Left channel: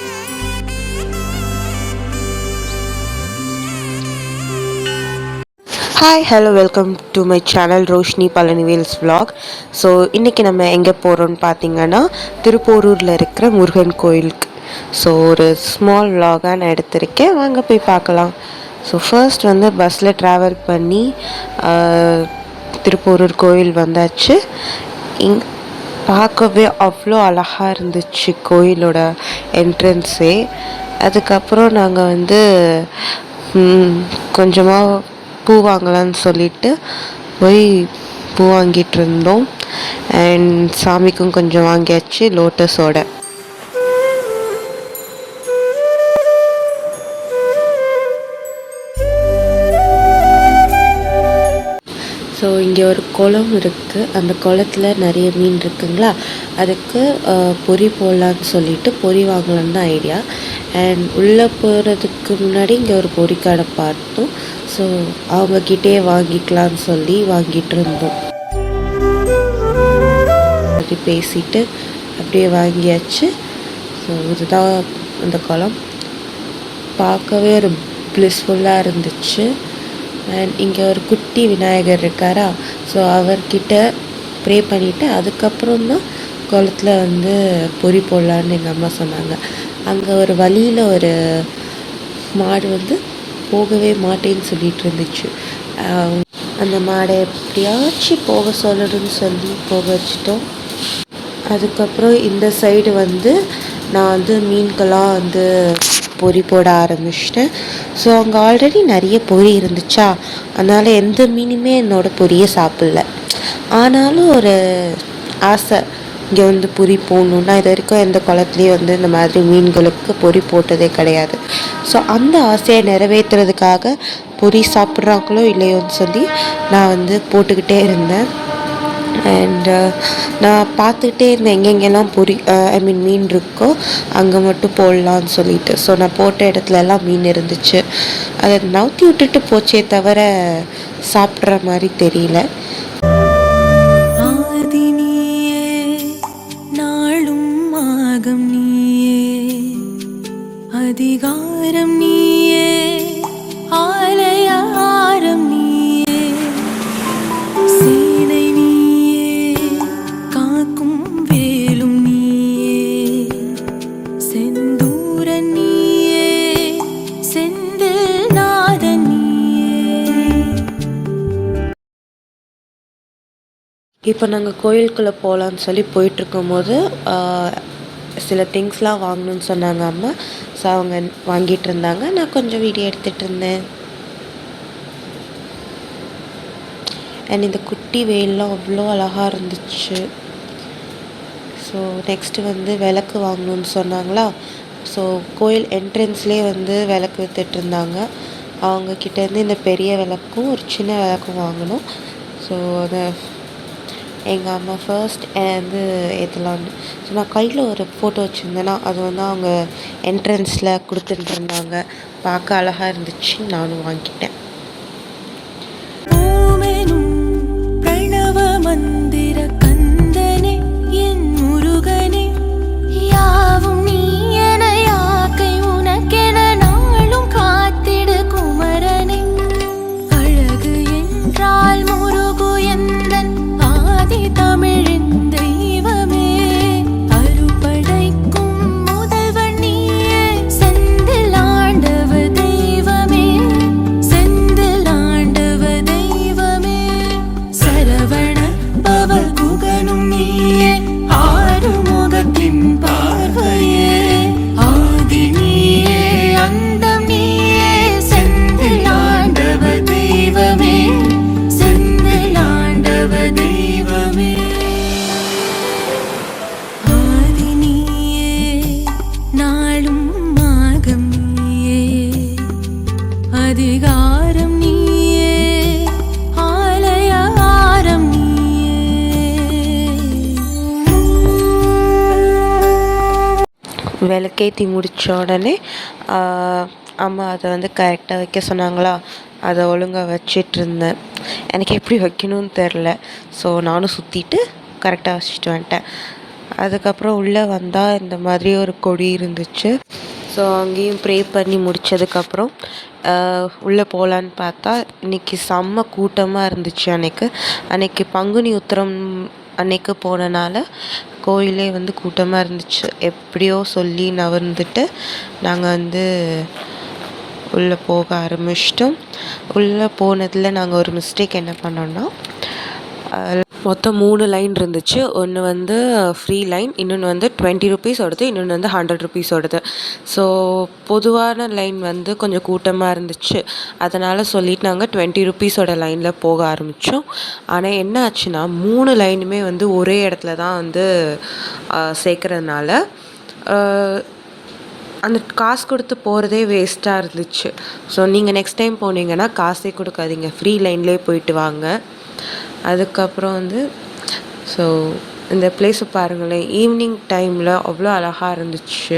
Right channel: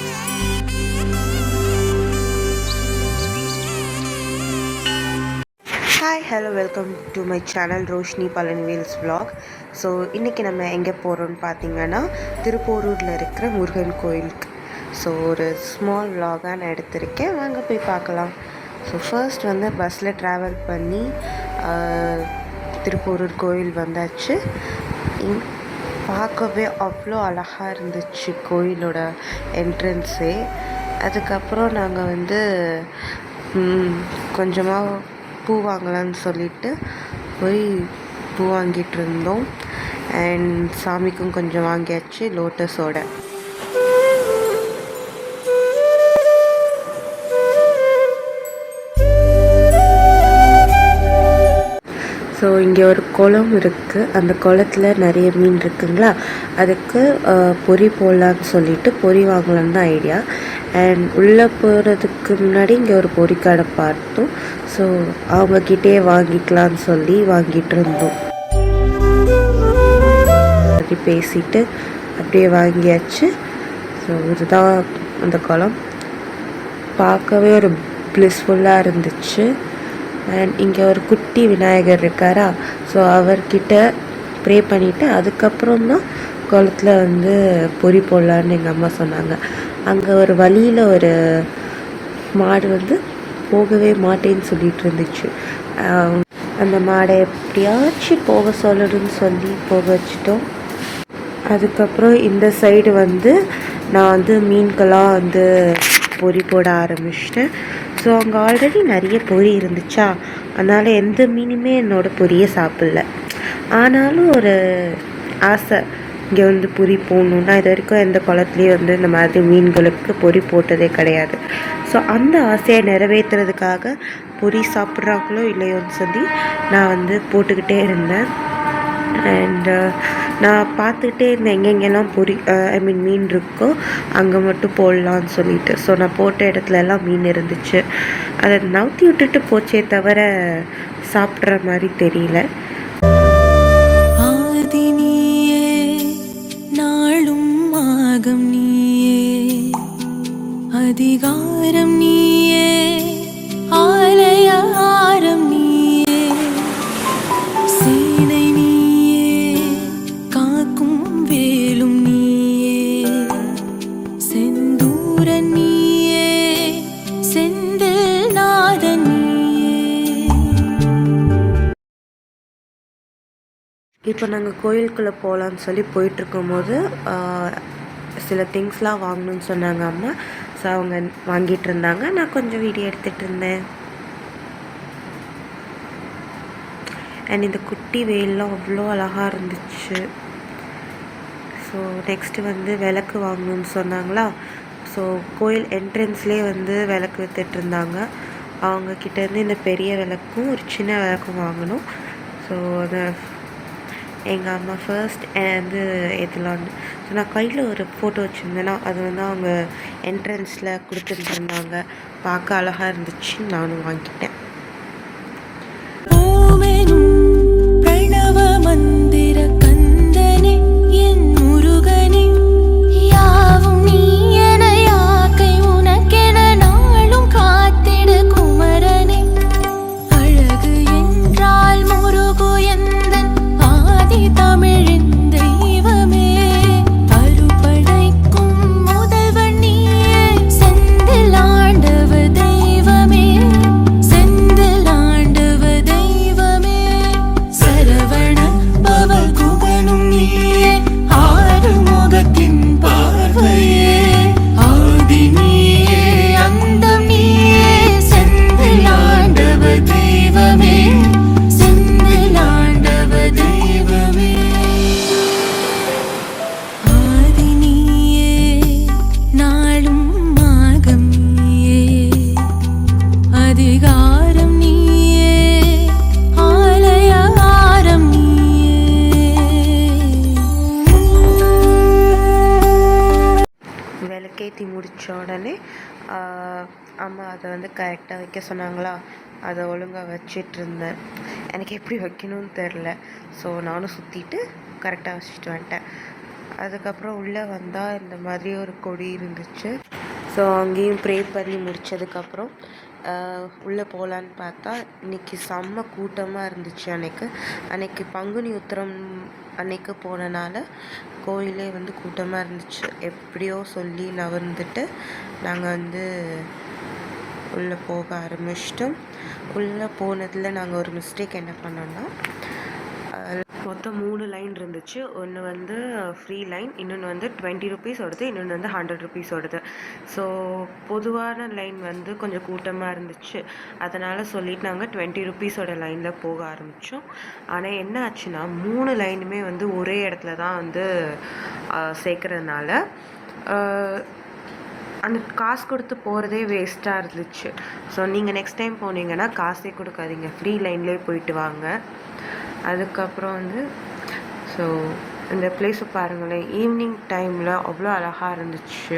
Hi hello welcome to my channel Roshini Palanivel's vlog. So இன்றைக்கி நம்ம எங்கே போகிறோன்னு பார்த்தீங்கன்னா திருப்போரூரில் இருக்கிற முருகன் கோயிலுக்கு. ஸோ ஒரு ஸ்மால் vlog-ஆக நான் எடுத்திருக்கேன், வாங்க போய் பார்க்கலாம். ஸோ ஃபர்ஸ்ட் வந்து பஸ்ஸில் ட்ராவல் பண்ணி திருப்போரூர் கோயில் வந்தாச்சு. பார்க்கவே அவ்வளோ அழகாக இருந்துச்சு கோயிலோட என்ட்ரன்ஸே. அதுக்கப்புறம் நாங்கள் வந்து கொஞ்சமாக பூ வாங்கலான்னு சொல்லிட்டு போய் பூ வாங்கிட்டு இருந்தோம். அண்ட் சாமிக்கும் கொஞ்சம் வாங்கியாச்சு லோட்டஸோட. ஸோ இங்கே ஒரு குளம் இருக்குது, அந்த குளத்தில் நிறைய மீன் இருக்குங்களா, அதுக்கு பொரி போடலான்னு சொல்லிட்டு பொரி வாங்கலான்னு தான் ஐடியா. அண்ட் உள்ளே போகிறதுக்கு முன்னாடி இங்கே ஒரு பொரி கடை பார்த்தோம். ஸோ அவங்கக்கிட்டே வாங்கிக்கலான்னு சொல்லி வாங்கிட்டு இருந்தோம். அப்படி பேசிட்டு அப்படியே வாங்கியாச்சு. ஸோ இதுதான் அந்த குளம், பார்க்கவே ஒரு ப்ளிஸ்ஃபுல்லாக இருந்துச்சு. அண்ட் இங்கே ஒரு குட்டி விநாயகர் இருக்காரா, ஸோ அவர்கிட்ட ப்ரே பண்ணிவிட்டு அதுக்கப்புறம் தான் குளத்தில் வந்து பொரி போடலான்னு எங்கள் அம்மா சொன்னாங்க. அங்கே ஒரு வழியில் ஒரு மாடு வந்து போகவே மாட்டேன்னு சொல்லிட்டு இருந்துச்சு. அந்த மாடை எப்படியாச்சும் போக சொல்லணும்னு சொல்லி போக வச்சிட்டோம். அதுக்கப்புறம் இந்த சைடு வந்து நான் வந்து மீன்கெல்லாம் வந்து பொரி போட ஆரம்பிச்சிட்டேன். ஸோ அங்கே ஆல்ரெடி நிறைய பொரி இருந்துச்சா, அதனால் எந்த மீனுமே என்னோடய பொரியை சாப்பிடல. ஆனாலும் ஒரு ஆசை, இங்கே வந்து பொரி போடணுன்னா. இது வரைக்கும் எந்த குளத்துலேயும் வந்து இந்த மாதிரி மீன்களுக்கு பொரி போட்டதே கிடையாது. ஸோ அந்த ஆசையை நிறைவேற்றுறதுக்காக பொரி சாப்பிட்றாங்களோ இல்லையோன்னு சொல்லி நான் வந்து போட்டுக்கிட்டே இருந்தேன். அண்டு நான் பார்த்துக்கிட்டே இருந்தேன் எங்கெங்கெல்லாம் பொரி மீன் இருக்கோ அங்கே மட்டும் போடலான்னு சொல்லிட்டு. ஸோ நான் போட்ட இடத்துலலாம் மீன் இருந்துச்சு. அதை நவுத்தி விட்டுட்டு போச்சே தவிர சாப்பிட்ற மாதிரி தெரியல. அதிகாரம் நீயே, ஆலயாரம் நீயே, சேனை நீயே, காக்கும் வேலும் நீயே, செந்தூரன் நீயே, செந்தில் நாதன் நீயே. இப்போ நாங்கள் கோயிலுக்குள்ளே போகலான்னு சொல்லி போயிட்டுருக்கும் போது சில திங்ஸ்லாம் வாங்கணும்னு சொன்னாங்க அம்மா. ஸோ அவங்க வாங்கிட்டு இருந்தாங்க, நான் கொஞ்சம் வீடியோ எடுத்துகிட்டு இருந்தேன். அண்ட் இந்த குட்டி வெயிலெலாம் அவ்வளோ அழகாக இருந்துச்சு. ஸோ நெக்ஸ்ட்டு வந்து விளக்கு வாங்கணும்னு சொன்னாங்களா, ஸோ கோயில் என்ட்ரன்ஸ்லேயே வந்து விளக்கு விற்றுட்டு இருந்தாங்க. அவங்கக்கிட்டேருந்து இந்த பெரிய விளக்கும் ஒரு சின்ன விளக்கும் வாங்கணும். ஸோ அதை எங்கள் அம்மா ஃபர்ஸ்ட் வந்து ஏற்றலான்னு. ஸோ நான் கையில் ஒரு ஃபோட்டோ வச்சுருந்தேன்னா அது வந்து அவங்க என்ட்ரன்ஸில் கொடுத்துட்டு இருந்தாங்க. பார்க்க அழகாக இருந்துச்சு, நானும் வாங்கிட்டேன். பிரணவ மந்திர கந்தனே என் முருகனே, யாவும் நீ என யாக்கை உனக்கென நாளும் காத்திடு குமரனே. அழகு என்றால் முருகு எந்தன் ஆதி தமிழின் தெய்வமே, அருப்படைக்கும் முதல்வன் நீயே, செந்தில் ஆண்டவ தெய்வமே, செந்தில் ஆண்டவ தெய்வமே. சரவண பவ குகனும் நீயே, ஆறுமுகத்தின் பார்வையே, ஆதி நீயே, அந்தம் நீயே, செந்தில் ஆண்டவ தெய்வமே, செந்தில் ஆண்டவ தெய்வமே. ஆதி நீயே, நாளும் மாகம் நீயே, அதிகாரம் நீயே, ஆலயாரம் நீயே. விளக்கேற்றி முடித்த உடனே அம்மா அதை வந்து கரெக்டாக வைக்க சொன்னாங்களா, அதை ஒழுங்காக வச்சிட்ருந்தேன். எனக்கு எப்படி வைக்கணும்னு தெரில. ஸோ நானும் சுற்றிட்டு கரெக்டாக வச்சுட்டு வந்துட்டேன். அதுக்கப்புறம் உள்ளே வந்தால் இந்த மாதிரி ஒரு கொடி இருந்துச்சு. ஸோ அங்கேயும் ப்ரே பண்ணி முடித்ததுக்கப்புறம் உள்ளே போகலான்னு பார்த்தா இன்றைக்கி செம்ம கூட்டமாக இருந்துச்சு. அன்னைக்கு பங்குனி உத்திரம் அன்னைக்கு போனனால கோயிலே வந்து கூட்டமாக இருந்துச்சு. எப்படியோ சொல்லி நகர்ந்துட்டு நாங்கள் உள்ளே போக ஆரம்பிச்சிட்டோம். உள்ளே போனதில் நாங்கள் ஒரு மிஸ்டேக் என்ன பண்ணோன்னா, மொத்தம் 3 லைன் இருந்துச்சு. ஒன்று ஃப்ரீ லைன், இன்னொன்று 20 ருபீஸோடது, இன்னொன்று 100 ருபீஸோடது. ஸோ பொதுவான லைன் கொஞ்சம் கூட்டமாக இருந்துச்சு. அதனால் சொல்லிட்டு நாங்கள் 20 ருபீஸோட லைனில் போக ஆரம்பித்தோம். ஆனால் என்ன ஆச்சுன்னா 3 லைனுமே ஒரே இடத்துல தான் சேர்க்குறதுனால அந்த காசு கொடுத்து போகிறதே வேஸ்ட்டாக இருந்துச்சு. ஸோ நீங்கள் நெக்ஸ்ட் டைம் போனீங்கன்னா காசே கொடுக்காதீங்க, ஃப்ரீ லைன்லேயே போயிட்டு வாங்க. அதுக்கப்புறம் ஸோ இந்த பிளேஸை பாருங்களேன், ஈவினிங் டைமில் அவ்வளோ அழகாக இருந்துச்சு.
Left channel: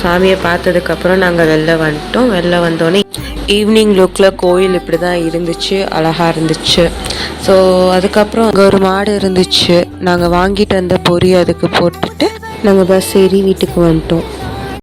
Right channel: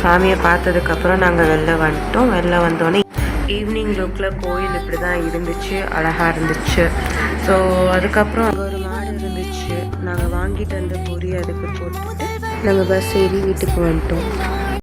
சாமியை பார்த்ததுக்கப்புறம் நாங்கள் வெளில வந்துட்டோம். வெளில வந்தோடனே ஈவினிங் லுக்கில் கோயில் இப்படி தான் இருந்துச்சு, அழகாக இருந்துச்சு. ஸோ அதுக்கப்புறம் அங்கே ஒரு மாடு இருந்துச்சு. நாங்கள் வாங்கிட்டு வந்த பொரி அதுக்கு போட்டுட்டு நாங்கள் பஸ் ஏறி வீட்டுக்கு வந்துட்டோம்.